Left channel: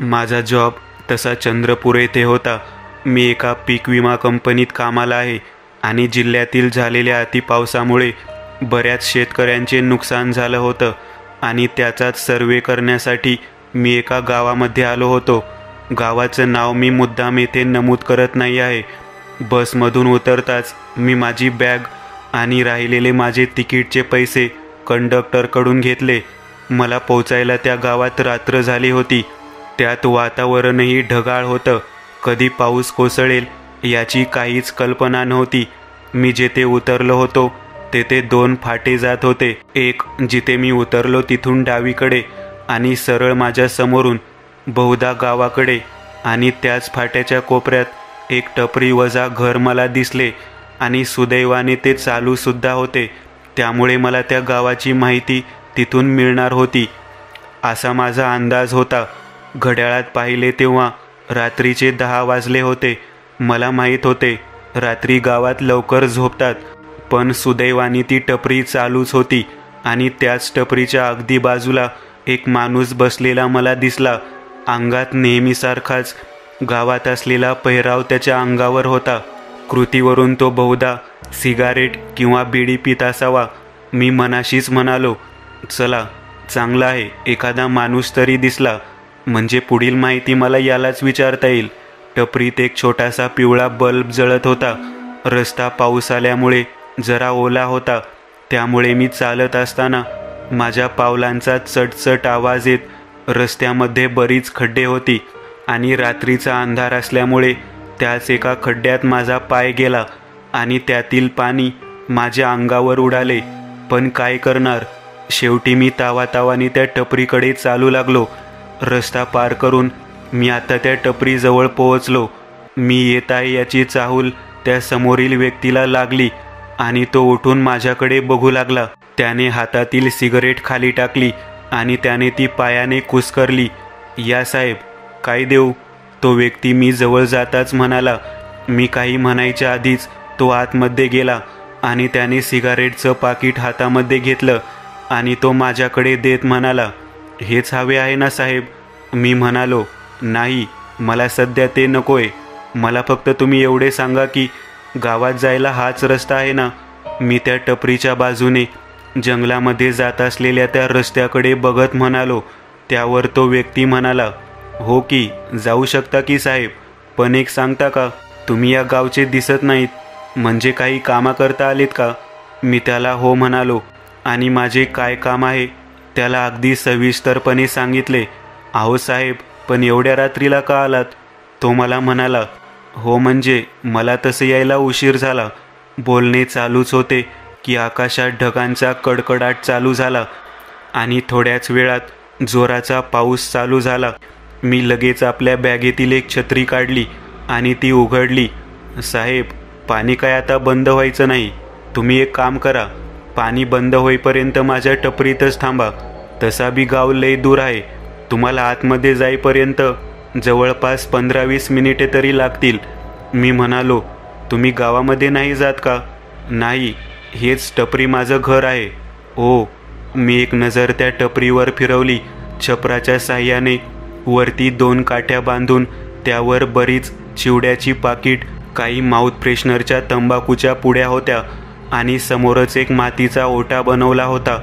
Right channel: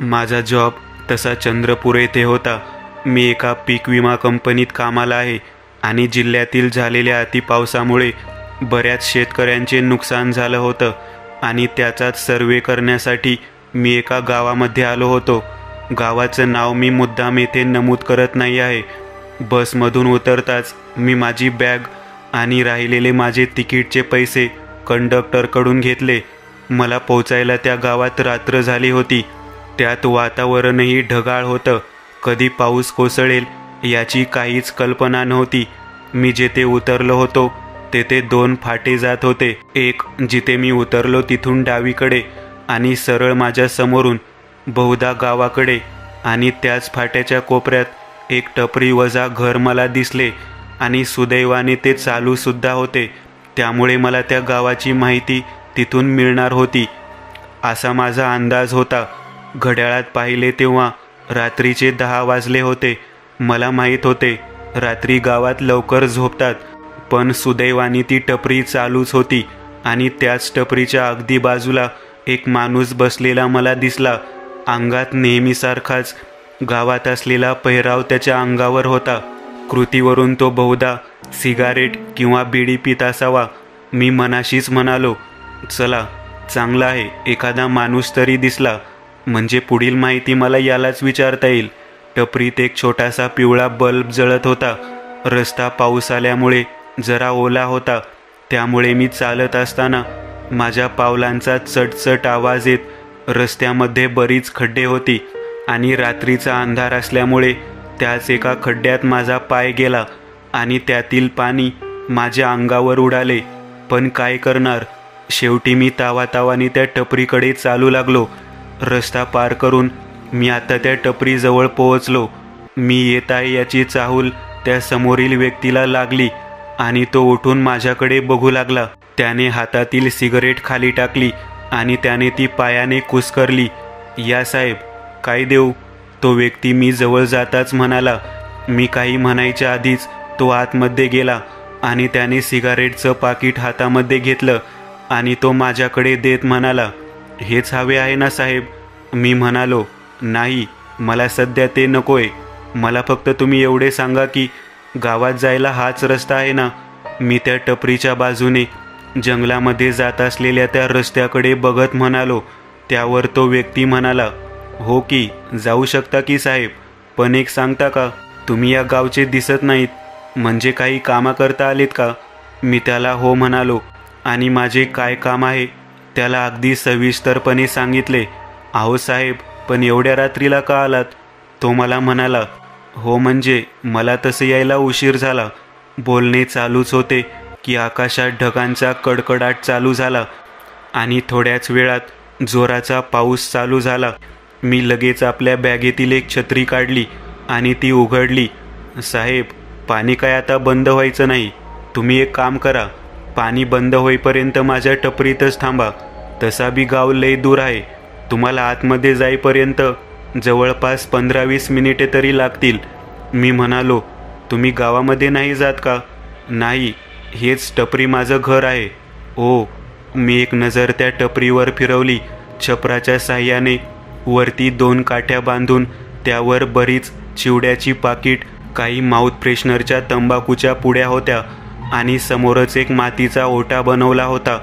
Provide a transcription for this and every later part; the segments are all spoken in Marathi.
माझा जॉब तसा चंद्रपूर येथे होता. मी एका पीक विमा कंपनीत कामाला आहे आणि जिल्ह्यातील झालेल्या अतिपावसामुळे बऱ्याच शेतकऱ्यांचे नुकसान झालं होतं आणि त्याचाच सर्वे करण्यासाठी मी एका गावामध्ये आलो होतो. गावाचं नाव मी मुद्दाम येथे नमूद करत नाही आहे. बसमधून उतरताच मी माझी बॅग आणि राहिलेले माझे तिकीटचे पैसे कंडक्टरकडून घेतले. मला पोचायला त्या गावात रात्र झाली होती. त्यात वातावरणही ढगाळ होतं. कधी पाऊस कोसळेल याची काहीच कल्पना नव्हती. मी जेथे उतरलो होतो तेथे 2 फाटे जात होते. एक जिथे मी उतरलो तिथून डावीकडे आणि सरळ माझ्या समोरून बहुधा गावाकडे, आणि त्याच फाट्याच्या कोपऱ्यात एक टपरी वजा घर मला दिसले आणि सुदैवाने ते चालू सुद्धा होते. त्यामुळे मला त्या गावाची माहिती तिथून मिळणार होती असा माझा अंदाज होता. घड्याळात पाहिले तेव्हा रात्रीचे 10 वाजले होते. मला माहीत होते रात्री गावात लवकर झोपतात, पण सुदैवाने ती टपरी चालूच होती आणि त्याच टपरीच्या अगदी बाजूला एक माणूस बसलेला मला दिसला. अंगात नेहमीसारखाच गावात असलेला पेहराव त्याच्या अंगावर होता. कृतीवरून तो बहुधा सिगारेट किंवा बिडी पित असावा. मी मनाशीच म्हणालो, चला चांगला आहे, एखादा माणूस तरी दिसला म्हणजे पुढील माहिती मला यालाच विचारता येईल. टपरीत एक छोटासा पिवळा बल्ब जळत होता. रस्ता पाऊस आल्यामुळे जरा ओला होता. त्यामुळे मी चालत असताना माझ्या पावलांचा चटचट आवाज येत रस्त्यामध्ये बरीच खड्डे होती आणि रात्रीचा अंधार असल्यामुळे त्याच एका खड्ड्यात माझा पाय गेला आणि त्यातील पाणी माझ्या अंगावर उडाले. पण काय करणार, शेवटी मी तावातावाने त्या टपरीकडे चालू लागलो. रस्ता पार करून मी आता त्या टपरीजवळ पोहोचलो. मी येत आहे याची चाहूल त्या समोरील व्यक्तीला लागली आणि तो उठून माझ्याकडे बघू लागला. त्याने हातातील सिगरेट खाली टाकली आणि त्याने ती पायाने कुस्करली. या साहेब, काय देऊ, तो व्यक्ती मी जवळ जाताच म्हणाला. मी काही म्हणायच्या आधीच तो आतमध्ये गेला आणि त्याने सिगारेटचं पाकिट हातामध्ये घेतलं आणि तो माझ्याकडे देत म्हणाला, हेच हवे आहे ना साहेब. मी म्हणालो, नाही, मला सध्या ते नकोय. मला फक्त तुम्ही एवढे सांगा की गावात जायला हाच रस्ता आहे ना. मी त्या टपरीच्या बाजूने जंगलामध्ये जात असलेल्या त्या रस्त्याकडे बघत म्हणालो. त्यावर तो व्यक्ती म्हणाला, हो की, जाऊ शकता की साहेब, पण एक सांगता का, तुम्ही या गावचे दिसत नाहीत, म्हणजे काही कामा करता आलेत का. मी त्याला हो म्हणालो आणि माझे काय काम आहे त्याला अगदी सविस्तरपणे सांगितले. अहो साहेब, पण एवढ्या रात्रीला का आलात. तो मला म्हणाला, हो म्हणजे मला तसे यायला उशीर झाला. बोलणे चालूच होते की आकाशात ढगांचा कडकडाट चालू झाला आणि थोड्याच वेळात जोराचा पाऊस चालू झाला. मी लगेच आपल्या बॅगेतील एक छत्री काढली आणि ती उघडली. साहेब, पाणी काय आता बंद व्हायचं नाही. तुम्ही एक काम करा, पाणी बंद होईपर्यंत माझ्या टपरीतच थांबा. तसा बी गाव लय दूर आहे. तुम्हाला आतमध्ये जाईपर्यंत जवळपास 15-20 मिनिटे तरी लागतील. मी म्हणालो, तुम्ही गावामध्ये नाही जात का. नाही, हेच टपरी माझं घर आहे. ओ. मी एक नजर त्या टपरीवर फिरवली. छपराच्या साह्याने वरती 2 काठ्या बांधून त्यावर बरीच चिवड्याची पाकिट, काही माउथ फ्रेशनरच्या तंबाखूच्या पुड्या होत्या आणि समोरच एक मातीचा ओटा बनवला होता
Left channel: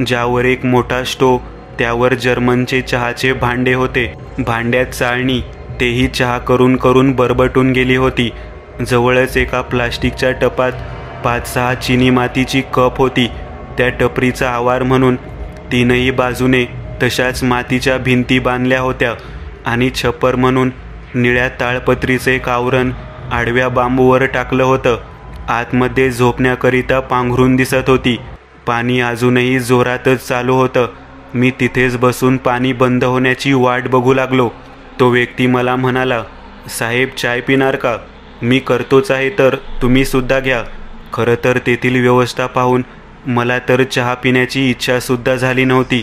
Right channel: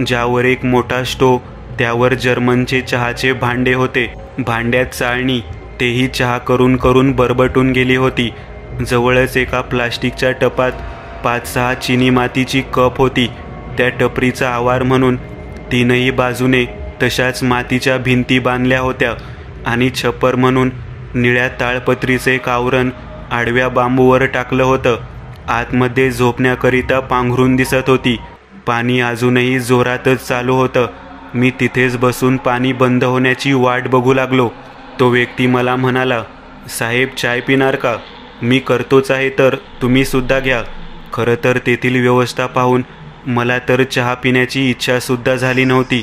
ज्यावर एक मोठा स्टोव, त्यावर जर्मनचे चहाचे भांडे होते. भांड्यात चाळणी, तेही चहा करून करून बरबटून गेली होती. जवळच एका प्लास्टिकच्या टपात 5-6 चिनी मातीची कप होती. त्या टपरीचा आवार म्हणून 3ही बाजूने तशाच मातीच्या भिंती बांधल्या होत्या आणि छप्पर म्हणून निळ्या ताळपत्रीचे एक आवरण आडव्या बांबूवर टाकलं होतं. आतमध्ये झोपण्याकरिता पांघरून दिसत होती. पाणी अजूनही जोरातच चालू होतं. मी तिथेच बसून पाणी बंद होण्याची वाट बघू लागलो. तो व्यक्ती मला म्हणाला, साहेब चाय पिणार का. मी करतोच आहे, तर तुम्ही सुद्धा घ्या. खरं तर तेथील व्यवस्था पाहून मला तर चहा पिण्याची इच्छा सुद्धा झाली नव्हती,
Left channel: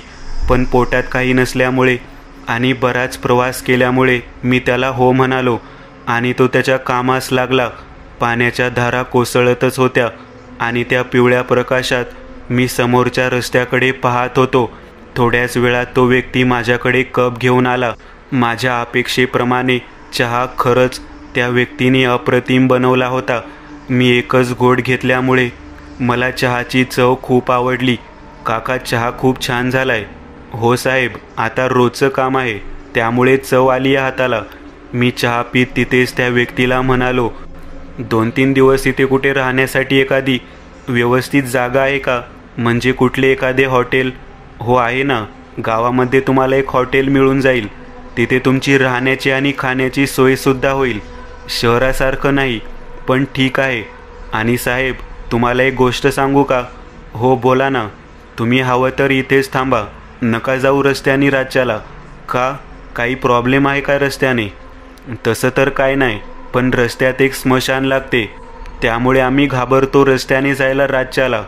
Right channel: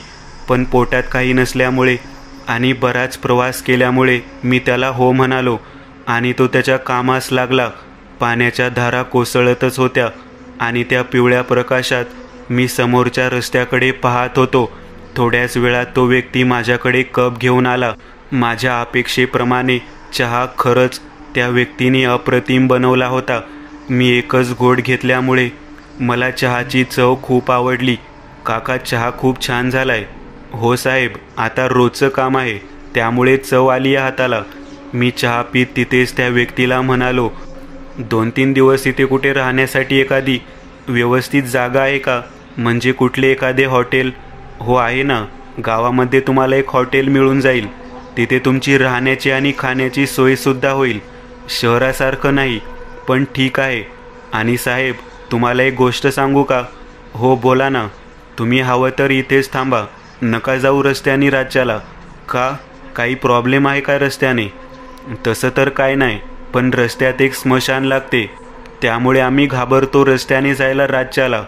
पण पोटात काही नसल्यामुळे आणि बराच प्रवास केल्यामुळे मी त्याला हो म्हणालो आणि तो त्याच्या कामास लागला. पाण्याच्या धारा कोसळतच होत्या आणि त्या पिवळ्या प्रकाशात मी समोरच्या रस्त्याकडे पाहत होतो. थोड्याच वेळात तो व्यक्ती माझ्याकडे कप घेऊन आला माझ्या अपेक्षेप्रमाणे चहा खरंच त्या व्यक्तीने अप्रतिम बनवला होता. मी एकच घोट घेतल्यामुळे मला चहाची चव खूप आवडली. काका, चहा खूप छान झालाय. हो साहेब, आता रोजचं काम आहे त्यामुळे चव आली आहे हाताला. मी चहा पीत तिथेच त्या व्यक्तीला म्हणालो, 2-3 दिवस इथे कुठे राहण्यासाठी एखादी व्यवस्थित जागा आहे का? म्हणजे कुठले एखादे हॉटेल? हो आहे ना, गावामध्ये तुम्हाला एक हॉटेल मिळून जाईल. तिथे तुमची राहण्याची आणि खाण्याची सोयसुद्धा होईल. शहरासारखं नाही पण ठीक आहे. आणि साहेब, तुम्हाला एक गोष्ट सांगू का? हो बोला ना. तुम्ही हवं तर इथेच थांबा, नका जाऊ रस्त्याने राज्याला. का? काही प्रॉब्लेम आहे का रस्त्याने? तसं तर काय नाही, पण रस्त्यात एक स्मशान लागते त्यामुळे आम्ही घाबरतो रस्त्याने जायला राज्याला.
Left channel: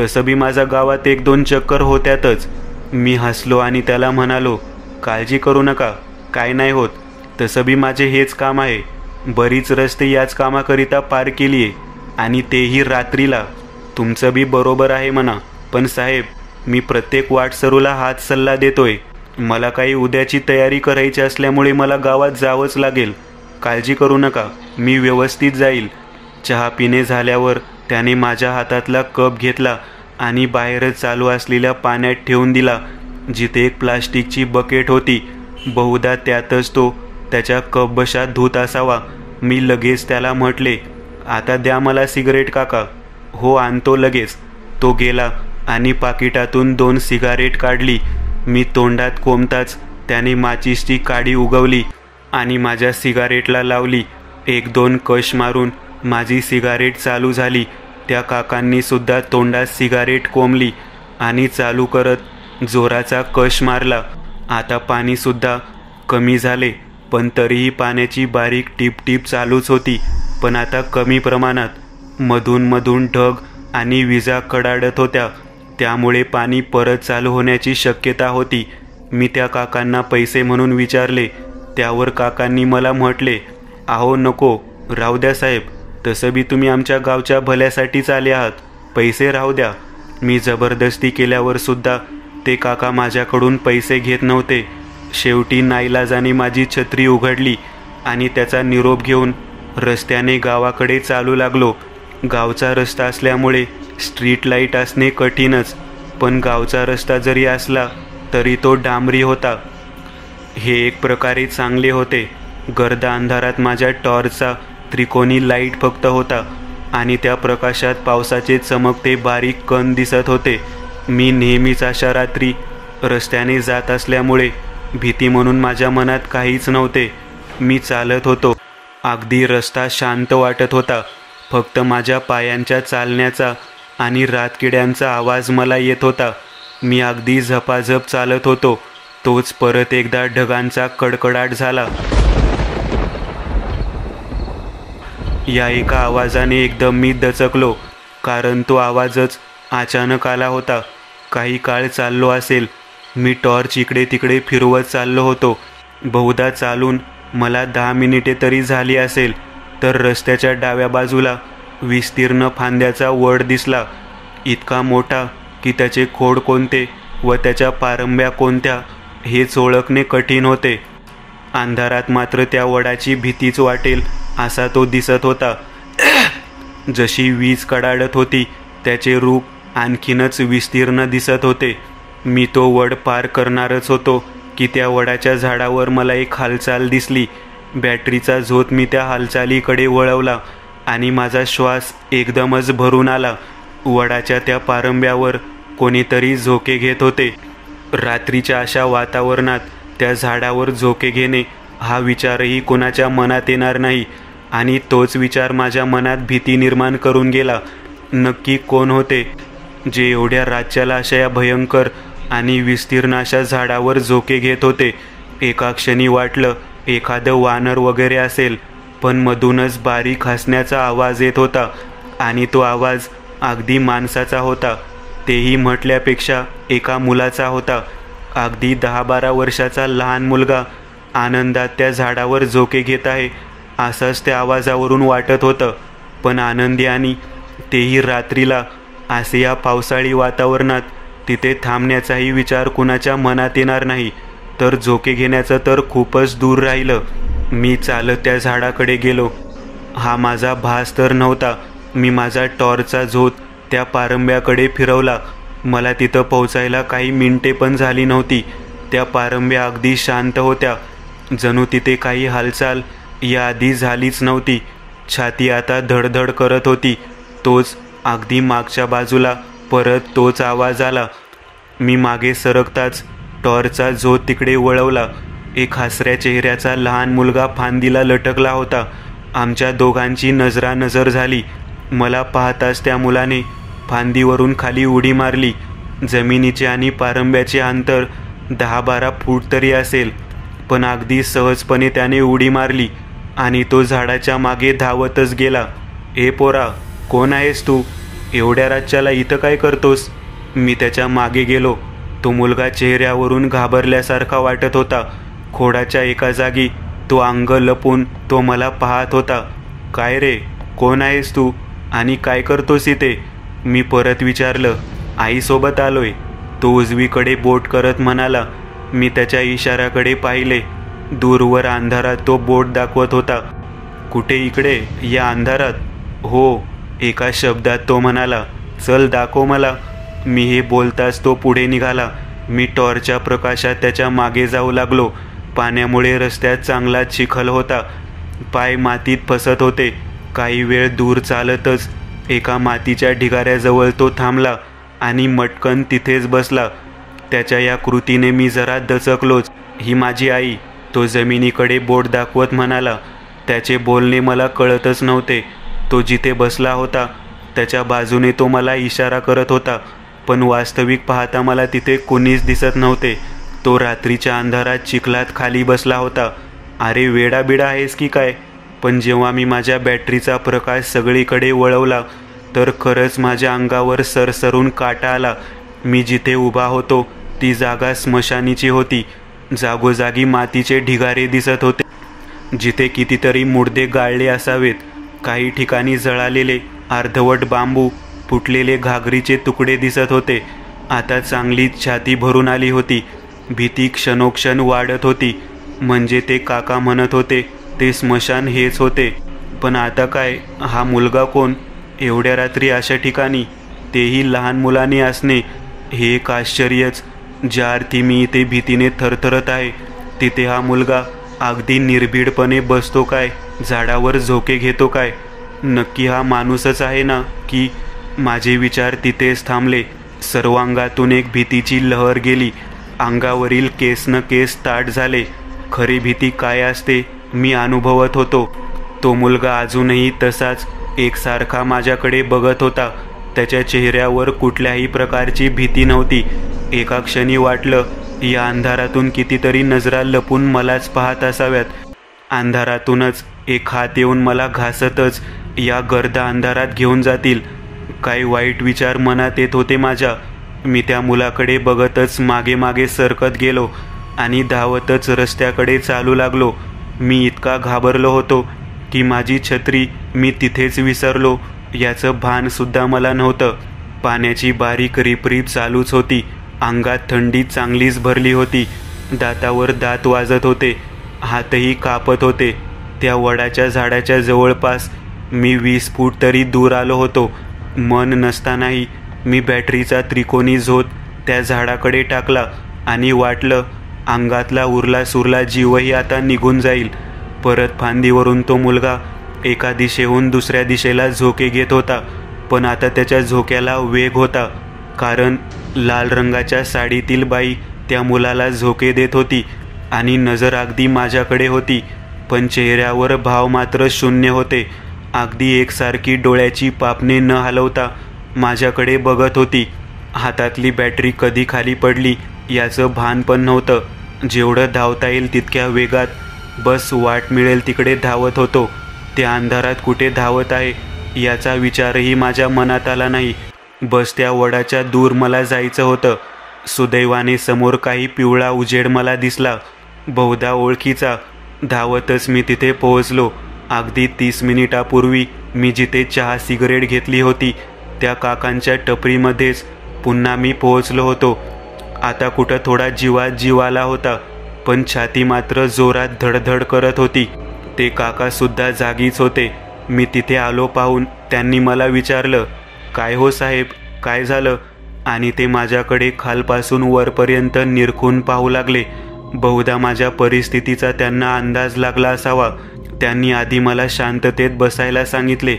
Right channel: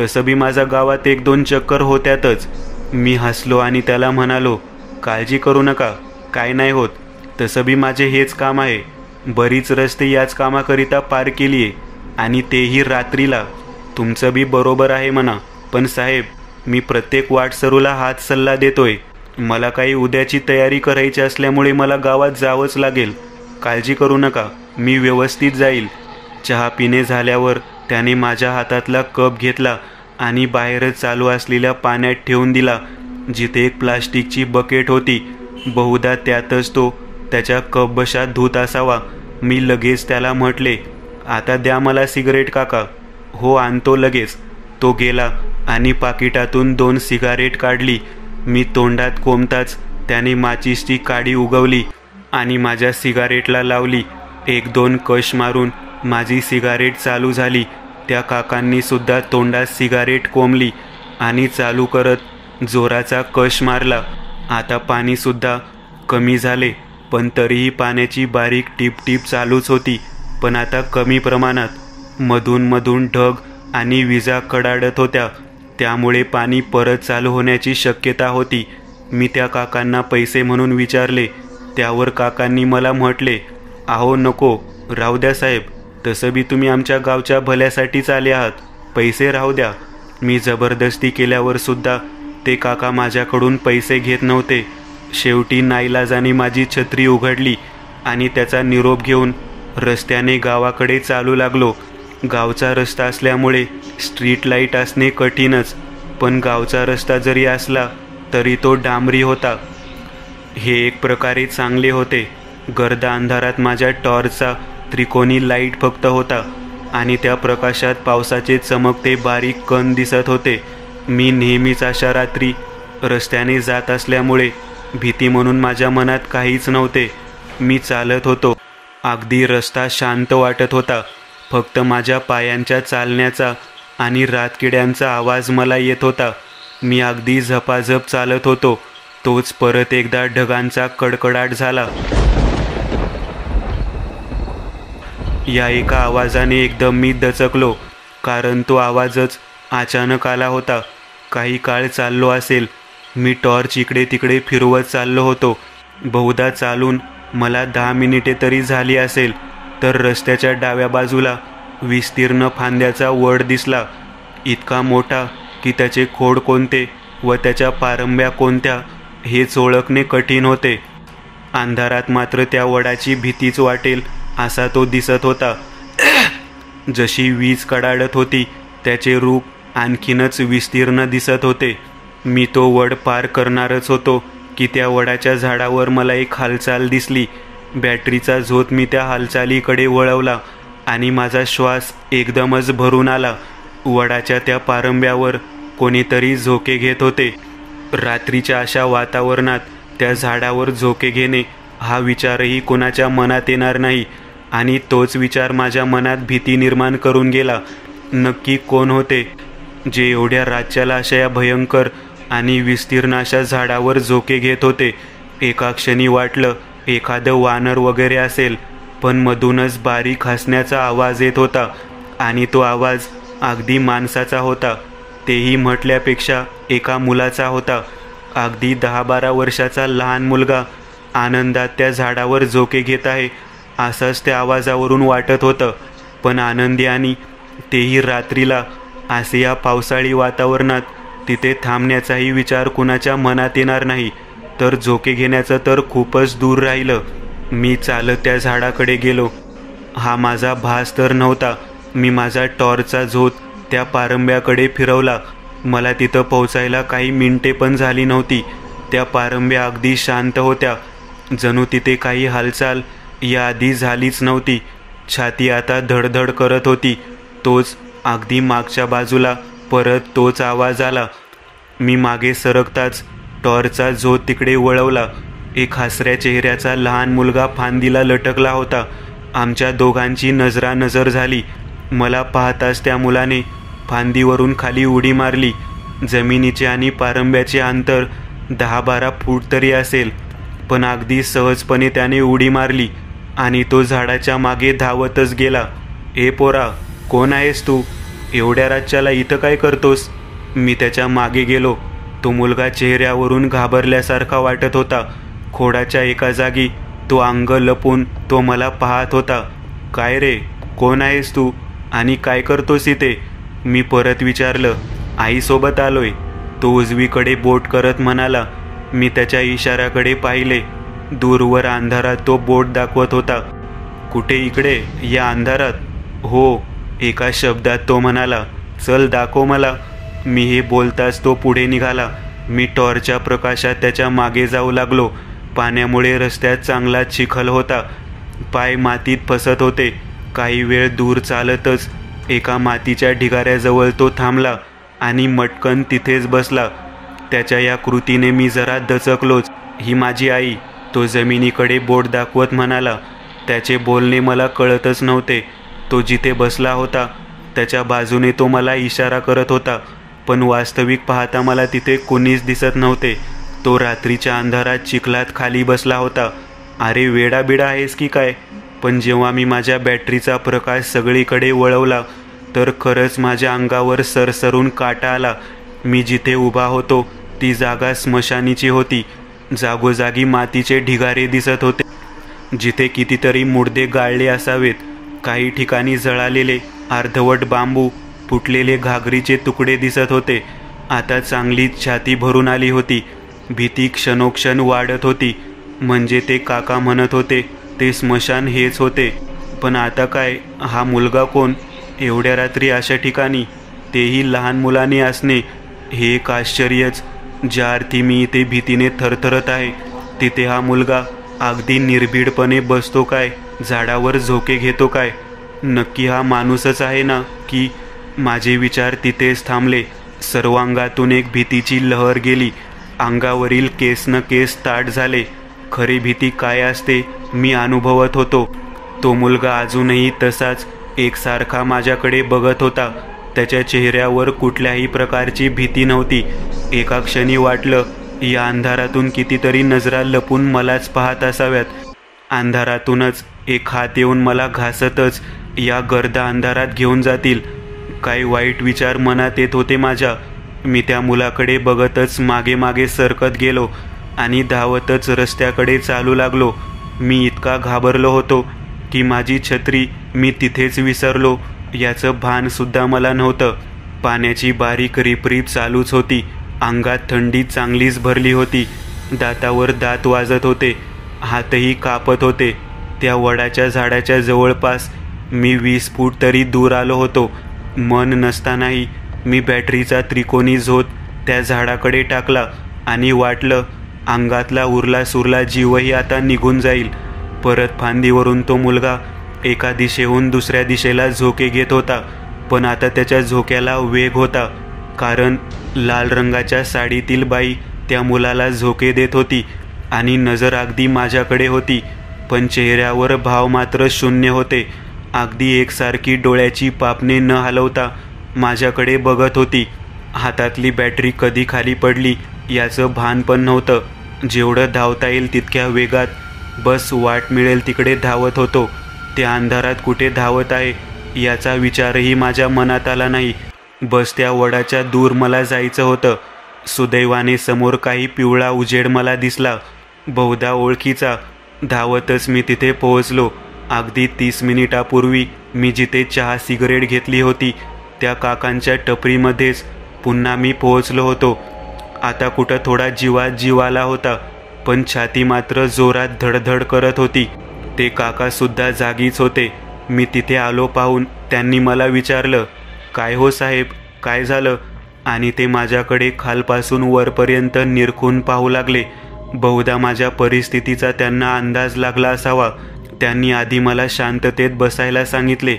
तसं बी माझ्या गावात 1-2 चक्कर होत्यातच. मी हसलो आणि त्याला म्हणालो, काळजी करू नका, काय नाही होत. तसं बी माझे हेच काम आहे. बरीच रस्ते याच कामाकरिता पार केलीये आणि तेही रात्रीला. तुमचं बी बरोबर आहे म्हणा, पण साहेब, मी प्रत्येक वाटसरूला हाच सल्ला देतोय. मला काही उद्याची तयारी करायची असल्यामुळे मला गावात जावंच लागेल. काळजी करू नका, मी व्यवस्थित जाईल. चहा पिणे झाल्यावर त्याने माझ्या हातातला कप घेतला आणि बाहेरच चालू असलेल्या पाण्यात ठेवून दिला, जिथे एक प्लास्टिकची बकेट होती. बहुधा त्यातच तो त्याच्या कपबशात धुत असावा. मी लगेच त्याला म्हटले, आता द्या मला सिगारेट काका. हो आणतो लगेच. तो गेला आणि पाकिटातून 2 सिगारेट काढली. मी तोंडात कोंबताच त्याने माचीसची काडी उगवली आणि माझ्या सिगारेटला लावली. 1-2 कश मारून माझी सिगारेट चालू झाली. त्या काकांनी सुद्धा तोंडात सिगारेट कोंबली आणि चालू करत जोराचा कश मारला. आता पाणी सुद्धा कमी झाले, पण तरीही पाण्याची बारीक टिप टिप चालूच होती, पण आता कमी प्रमाणात. मधून मधून ढग आणि विजा कडाडत होत्या, त्यामुळे पाणी परत चालू होण्याची शक्यता होती. मी त्या काकांना पैसे म्हणून विचारले. त्यावर काकांनी मला म्हटले, अहो नको, राहू द्या साहेब, तसं बी तुम्ही आमच्या गावच्या भल्यासाठीच आले आहात, पैसे राहू द्या. मी जबरदस्ती केल्यावर सुद्धा ते काका माझ्याकडून पैसे घेत नव्हते. शेवटी नाईलाजाने माझी छत्री उघडली आणि त्याचा निरोप घेऊन रस्त्याने गावाकडे चालू लागलो. गावचा रस्ता असल्यामुळे स्ट्रीट लाईट असणे कठीणच, पण गावचा रस्ता जरी असला तरी तो डांबरी होता. हे एक प्रकारे चांगले होते. गर्द अंधारात माझ्या टॉर्चचा त्रिकोणी लाईट फक्त होता आणि त्या प्रकाशात पावसाचे चमकते बारीक कण दिसत होते. मी नेहमीच अशा रात्री रस्त्याने जात असल्यामुळे भीती म्हणून माझ्या मनात काहीच नव्हते. मी चालत होतो. अगदी रस्ता शांत वाटत होता. फक्त माझ्या पायांच्या चालण्याचा आणि रातकिड्यांचा आवाज मला येत होता. मी अगदी झपाझप चालत होतो. तोच परत एकदा ढगांचा कडकडाट झाला. या एका आवाजाने एकदम मी दचकलो, कारण तो आवाजच अचानक आला होता. काही काळ चाललो असेल. मी टॉर्च इकडे तिकडे फिरवत चाललो होतो. बहुधा चालून मला 10 मिनिटे तरी झाली असेल, तर रस्त्याच्या डाव्या बाजूला विस्तीर्ण फांद्याचा वड दिसला. इतका मोठा की त्याचे खोड कोणते व त्याच्या पारंब्या कोणत्या हेच ओळखणे कठीण होते. अंधारात मात्र त्या वडाची भीतीच वाटेल असा तो दिसत होता. जशी वीज कडाडत होती त्याचे रूप आणखीनच विस्तीर्ण दिसत होते. मी तो वड पार करणारच होतो की त्या वडाच्या झाडावर मला एक हालचाल दिसली. बॅटरीचा झोत मी त्या हालचालीकडे वळवला आणि माझा श्वास एकदमच भरून आला. वडाच्या त्या पारंब्यावर कोणीतरी झोके घेत होते. रात्रीच्या अशा वातावरणात त्या झाडावर झोके घेणे हा विचारही कोणाच्या मनात येणार नाही, आणि तोच विचार माझ्या मनात भीती निर्माण करून गेला. नक्की कोण होते जे एवढ्या राज्याला अशा या भयंकर आणि विस्तीर्ण अशा झाडावर झोके घेत होते? एका क्षणी वाटलं एखादं वानर वगैरे असेल, पण मधूनच बारीक हसण्याचा आवाज येत होता आणि तो आवाज अगदी माणसाचा होता. तेही म्हटल्यापेक्षा एका मुलाचा होता. अगदी 10-12 वर्षाचा लहान मुलगा आनंदात त्या झाडावर झोके घेत आहे असंच त्या आवाजावरून वाटत होतं. पण आनंदी आणि तेही रात्रीला असे या पावसाळी वातावरणात तिथे थांबण्याचाही विचार कुणाच्या मनात येणार नाही. तर झोके घेण्याचं तर खूपच दूर राहिलं. मी चालत त्या झाडाकडे गेलो. हा माझा भास तर नव्हता. मी माझा टॉर्चचा झोत त्या पारंब्याकडे फिरवला. मला तिथं पोहोचायला काही मिनिटे पण झाली नव्हती. त्या पारंब्या अगदी शांत होत्या. जणू तिथे काही हालचाल याआधी झालीच नव्हती. छाती आता धडधड करत होती. तोच अगदी मागच्या बाजूला परत तोच आवाज आला. मी मागे सरकताच टॉर्चचा झोत तिकडे वळवला. एक हसऱ्या चेहऱ्याचा लहान मुलगा फांदीला लटकला होता. आमच्या दोघांची नजरानजर झाली. मला पाहताच त्या मुलाने फांदीवरून खाली उडी मारली. जमिनीचे आणि पारंब्याचे अंतर 10-12 फूट तरी असेल, पण अगदी सहजपणे त्याने उडी मारली आणि तो झाडाच्या मागे धावतच गेला. ए पोरा, कोण आहेस तू? एवढ्या रातच्याला इथं काय करतोस? मी त्याच्या मागे गेलो. तो मुलगा चेहऱ्यावरून घाबरल्यासारखा वाटत होता. खोडाच्या एका जागी तो अंग लपून तो मला पाहत होता. काय रे, कोण आहेस तू आणि काय करतोस इथे? मी परत विचारलं. आईसोबत आलोय, तो उजवीकडे बोट करत म्हणाला. मी त्याच्या इशाऱ्याकडे पाहिले. दूरवर अंधारात तो बोट दाखवत होता. कुठे? इकडे, या अंधारात? हो, एका शब्दात तो म्हणाला. चल दाखव मला. मी हे बोलताच तो पुढे निघाला. मी टॉर्चच्या प्रकाशात त्याच्या मागे जाऊ लागलो. पाण्यामुळे रस्त्यात चांगला चिखल होता. पाय मातीत फसत होते. काही वेळ दूर चालतच एका मातीच्या ढिगाऱ्याजवळ तो थांबला आणि मटकन तिथेच बसला. त्याच्या या कृतीने मी जरा दचकलोच. ही माझी आई, तो जमिनीकडे बोट दाखवत म्हणाला. त्याचे बोलणे मला कळतच नव्हते. तो जिथे बसला होता त्याच्या बाजूने तो मला इशारा करत होता, पण वास्तविक पाहता मला तिथे कोणीच दिसत नव्हते. तो रात्रीच्या अंधारात चिखलात खाली बसला होता. अरे वेडाबिडा आहेस की काय? पण जेव्हा मी माझ्या बॅटरीचा प्रकाश सगळीकडे वळवला तर खरंच माझ्या अंगावर सरसरून काटा आला. मी जिथे उभा होतो ती जागा स्मशानीची होती. जागोजागी मातीचे ढिगारे दिसत होते, जिथे कितीतरी मुडदे गाळले असावेत. काही ठिकाणी जळालेले अर्धवट बांबू, फुटलेले घागरीचे तुकडे दिसत होते. आता चांगलीच छाती भरून आली होती. भीती क्षणोक्षण वाढत होती. म्हणजे ते काका म्हणत होते ते स्मशान हेच होते, पण आता काय? हा मुलगा कोण? एवढ्या रात्री अशा ठिकाणी, तेही लहान मुलाने असणे, हे एक आश्चर्यच. ज्या अर्थी मी इथे भीतीने थरथरत आहे, तिथे हा मुलगा अगदी निर्भीडपणे बसतो काय? झाडावर झोके घेतो काय? नक्की हा माणूसच आहे ना? की? माझे विचार तिथेच थांबले. सर्वांगातून एक भीतीची लहर गेली. अंगावरील केस न केस ताट झाले. खरी भीती काय असते मी अनुभवत होतो. तो मुलगा अजूनही तसाच एकसारखा माझ्याकडे बघत होता. त्याच्या चेहऱ्यावर कुठल्याही प्रकारची भीती नव्हती. एका क्षणी वाटलं या अंधारातून कितीतरी नजरा लपून मलाच पाहत असाव्यात. अंधारातूनच एक हात येऊन मला घासतच या गर्द अंधारात घेऊन जातील. काही वाईट विचार मनात येत होते माझ्या. मी त्या मुलाकडे बघतच मागे मागे सरकत गेलो आणि धावतच रस्त्याकडे चालू लागलो. मी इतका घाबरलो होतो की माझी छत्री मी तिथेच विसरलो याचं भान सुद्धा मला नव्हतं. पाण्याची बारीक रिपरिप चालूच होती. अंगात थंडी चांगलीच भरली होती. दातावर दात वाजत होते. हातही कापत होते. त्या वडाच्या झाडाच्या जवळपास मी 20 फूट तरी दूर आलो होतो. मन नसतानाही मी बॅटरीचा त्रिकोणी झोत त्या झाडाकडे टाकला आणि वाटलं अंगातला उरला सुरला जीवही आता निघून जाईल. परत फांदीवरून तो मुलगा एका दिशेहून दुसऱ्या दिशेला झोके घेत होता, पण आता त्याच्या झोक्याला वेग होता, कारण लाल रंगाच्या साडीतील बाई त्या मुलाला झोके देत होती आणि नजर अगदी माझ्याकडे होती, पण चेहऱ्यावर भाव मात्र शून्य होते. अगदी एकसारखी डोळ्याची पापणे न हलवता माझ्याकडे बघत होती. हातातली बॅटरी कधी खाली पडली याचं भान पण नव्हतं. जेवढं धावता येईल तितक्या वेगात बस वाट मिळेल तिकडे धावत होतो. त्या अंधारात कुठे धावत आहे याचा विचारही माझ्या मनात आला नाही. बस त्या वडाच्या दूर मला जायचं होतं. सुदैवाने समोर काही पिवळा उजेड मला दिसला, बहुधा ओळखीचा. धावतच मी तिथे पोहोचलो. अगदी 30 मिनिटापूर्वी मी जिथे चहा सिगरेट घेतली होती त्या काकांच्या टपरीमध्येच पुन्हा मी पोहोचलो होतो. आता कुठं थोडा जीवात जीव आला होता. पण छाती मात्र जोरात धडधड करत होती. ते काका सुद्धा जागीच होते. मी तिथे आलो पाहून त्यांनी मला विचारलं, काय हो साहेब, काय झालं? आणि ते माझ्याकडे खालपासून वरपर्यंत निरखून पाहू लागले. बहुधा माझ्या परिस्थितीचा त्यांना अंदाज लागला असावा. त्यांनी आधी मला शांततेत बसायला सांगितले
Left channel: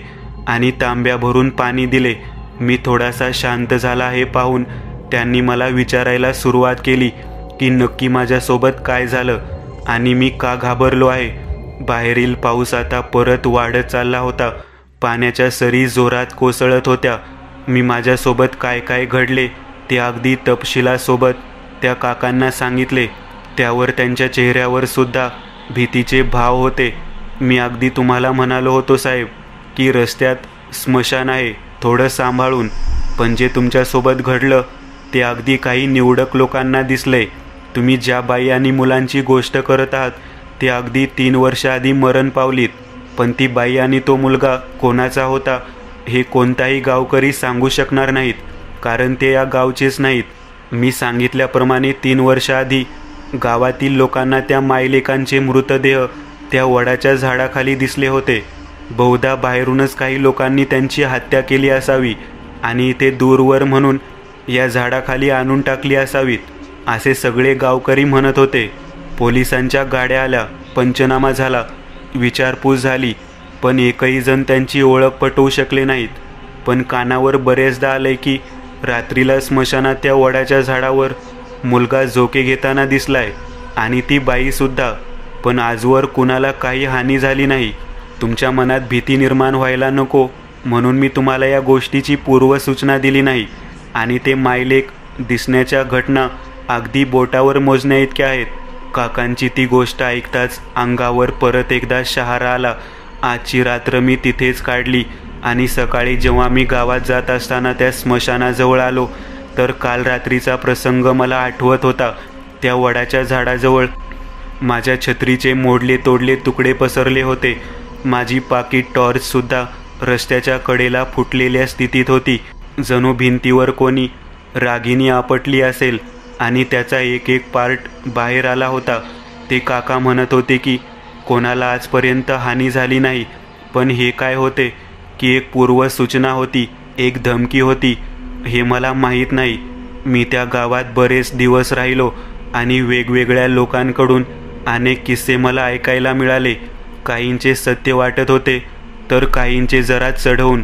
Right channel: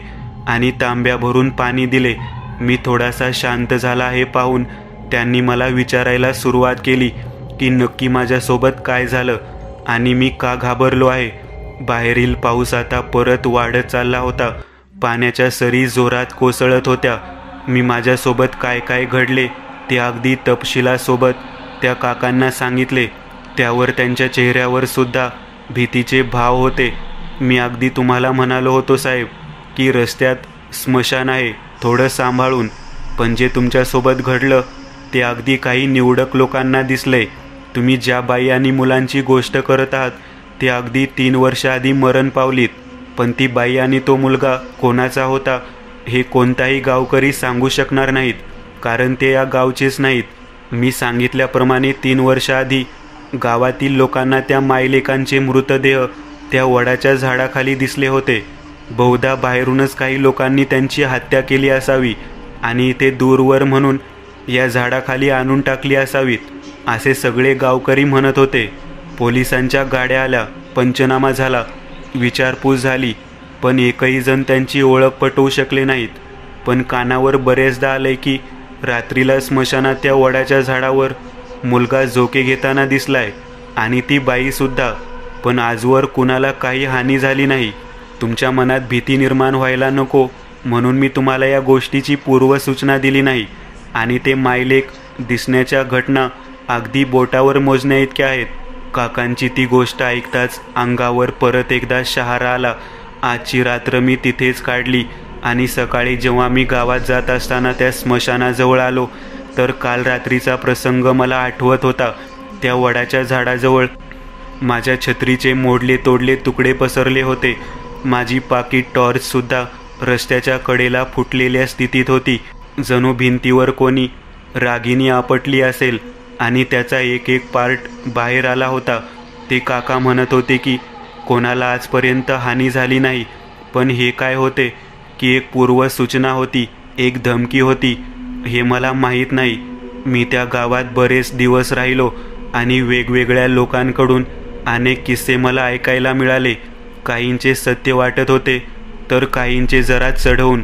आणि तांब्या भरून पाणी दिले. मी थोडासा शांत झाला हे पाहून त्यांनी मला विचारायला सुरुवात केली की नक्की माझ्यासोबत काय झालं आणि मी का घाबरलो आहे. बाहेरील पाऊस आता परत वाढत चालला होता. पाण्याच्या सरी जोरात कोसळत होत्या. मी माझ्यासोबत काय काय घडले ते अगदी तपशिलासोबत त्या काकांना सांगितले. त्यावर त्यांच्या चेहऱ्यावर सुद्धा भीतीचे भाव होते. मी अगदी तुम्हाला म्हणालो होतो साहेब की रस्त्यात स्मशान आहे, थोडं सांभाळून. पण जे तुमच्यासोबत घडलं ते अगदी काही निवडक लोकांना दिसले. तुम्ही ज्या बाई आणि मुलांची गोष्ट करत आहात ते अगदी 3 वर्ष आधी मरण पावलीत. पण ती बाई आणि तो मुलगा कोणाचा होता हे कोणताही गावकरी सांगू शकणार नाहीत, कारण ते या गावचेच नाहीत. मी सांगितल्याप्रमाणे 3 वर्ष आधी गावातील लोकांना त्या मायलेकांचे मृतदेह त्या वडाच्या झाडाखाली दिसले होते. बहुधा बाहेरूनच काही लोकांनी त्यांची हत्या केली असावी आणि ते दूरवर म्हणून या झाडाखाली आणून टाकली असावीत, असे सगळे गावकरी म्हणत होते. पोलिसांच्या गाड्या आल्या, पंचनामा झाला, विचारपूस झाली, पण एकही जण त्यांची ओळख पटवू शकले नाहीत. पण कानावर बरेचदा आले की रात्रीला स्मशानात त्या वडाच्या झाडावर मुलगा झोके घेताना दिसलाय आणि ती बाई सुद्धा. पण आजवर कुणाला काही हानी झाली नाही. तुमच्या मनात भीती निर्माण व्हायला नको म्हणून मी तुम्हाला या गोष्टीची पूर्वसूचना दिली नाही. आणि ते मायलेक दिसण्याच्या घटना अगदी बोटावर मोजण्या इतक्या आहेत. काकांची ती गोष्ट ऐकताच अंगावर परत एकदा शहारा आला. आजची रात्र मी तिथेच काढली आणि सकाळी जेव्हा मी गावात जात असताना त्या स्मशानाजवळ आलो तर काल रात्रीचा प्रसंग मला आठवत होता. त्या वडाच्या झाडाजवळ माझ्या छत्रीचे मोडले तोडले तुकडे पसरले होते. माझी पाकीट टॉर्च सुद्धा रस्त्याच्या कडेला फुटलेल्या स्थितीत होती. जणू भिंतीवर कोणी रागिनी आपटली असेल आणि त्याचा एक एक पार्ट बाहेर आला होता. ते काका म्हणत होते की कोणाला आजपर्यंत हानी झाली नाही, पण हे काय होते की एक पूर्वसूचना होती, एक धमकी होती, हे मला माहीत नाही. मी त्या गावात बरेच दिवस राहिलो आणि वेगवेगळ्या लोकांकडून अनेक किस्से मला ऐकायला मिळाले. काहींचे सत्य वाटत होते तर काहींचे जरा चढवून